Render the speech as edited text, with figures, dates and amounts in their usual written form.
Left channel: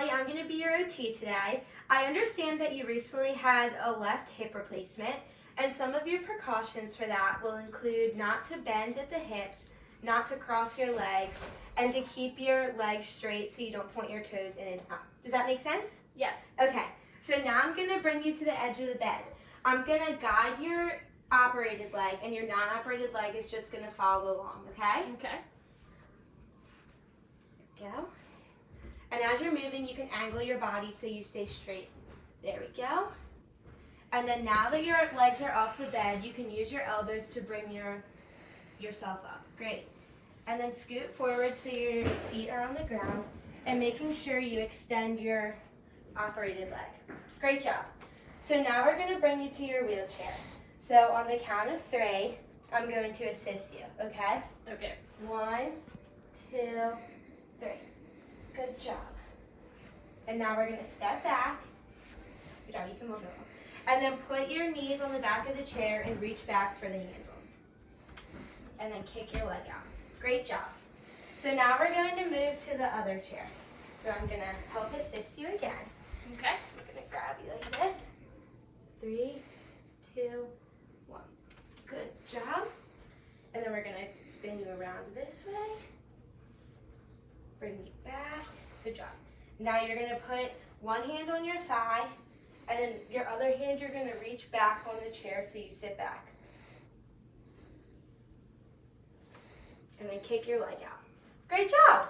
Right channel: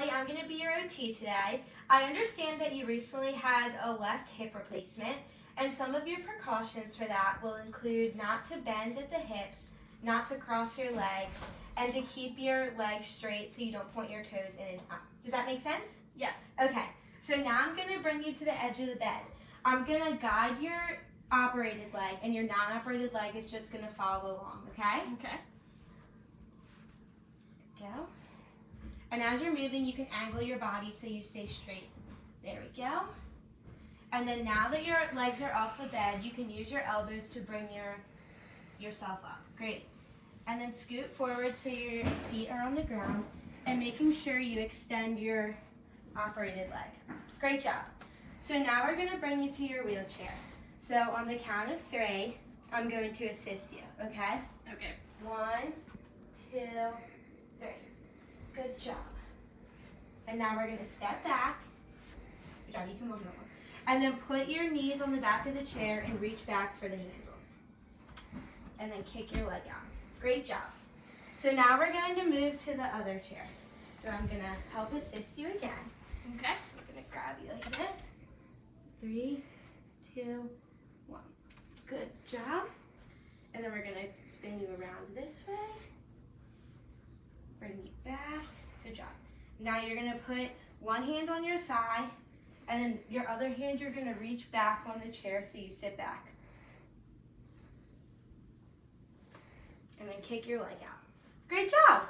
Allie, I'm going to be your OT today. I understand that you recently had a left hip replacement, and some of your precautions for that will include not to bend at the hips, not to cross your legs, and to keep your legs straight so you don't point your toes in and out. Does that make sense? Yes. Okay, so now I'm going to bring you to the edge of the bed. I'm going to guide your operated leg, and your non-operated leg is just going to follow along, okay? Okay. Go. And as you're moving, you can angle your body so you stay straight. There we go. And then now that your legs are off the bed, you can use your elbows to bring yourself up. Great. And then scoot forward so your feet are on the ground and making sure you extend your operated leg. Great job. So now we're going to bring you to your wheelchair. So on the count of 3, I'm going to assist you, okay? Okay. 1, 2, 3. Good job. And now we're going to step back. Good job, you can move over. And then put your knees on the back of the chair and reach back for the handles. And then kick your leg out. Great job. So now we're going to move to the other chair. So I'm going to help assist you again. Okay. So we're going to grab you like this. 3, 2, 1. Good job. And then we're going to spin you around this way. Bring you back. Good job. Now you're going to put one hand on your thigh, and then your other hand you're going to reach back on the chair so you sit back. And then kick your leg out. Great job.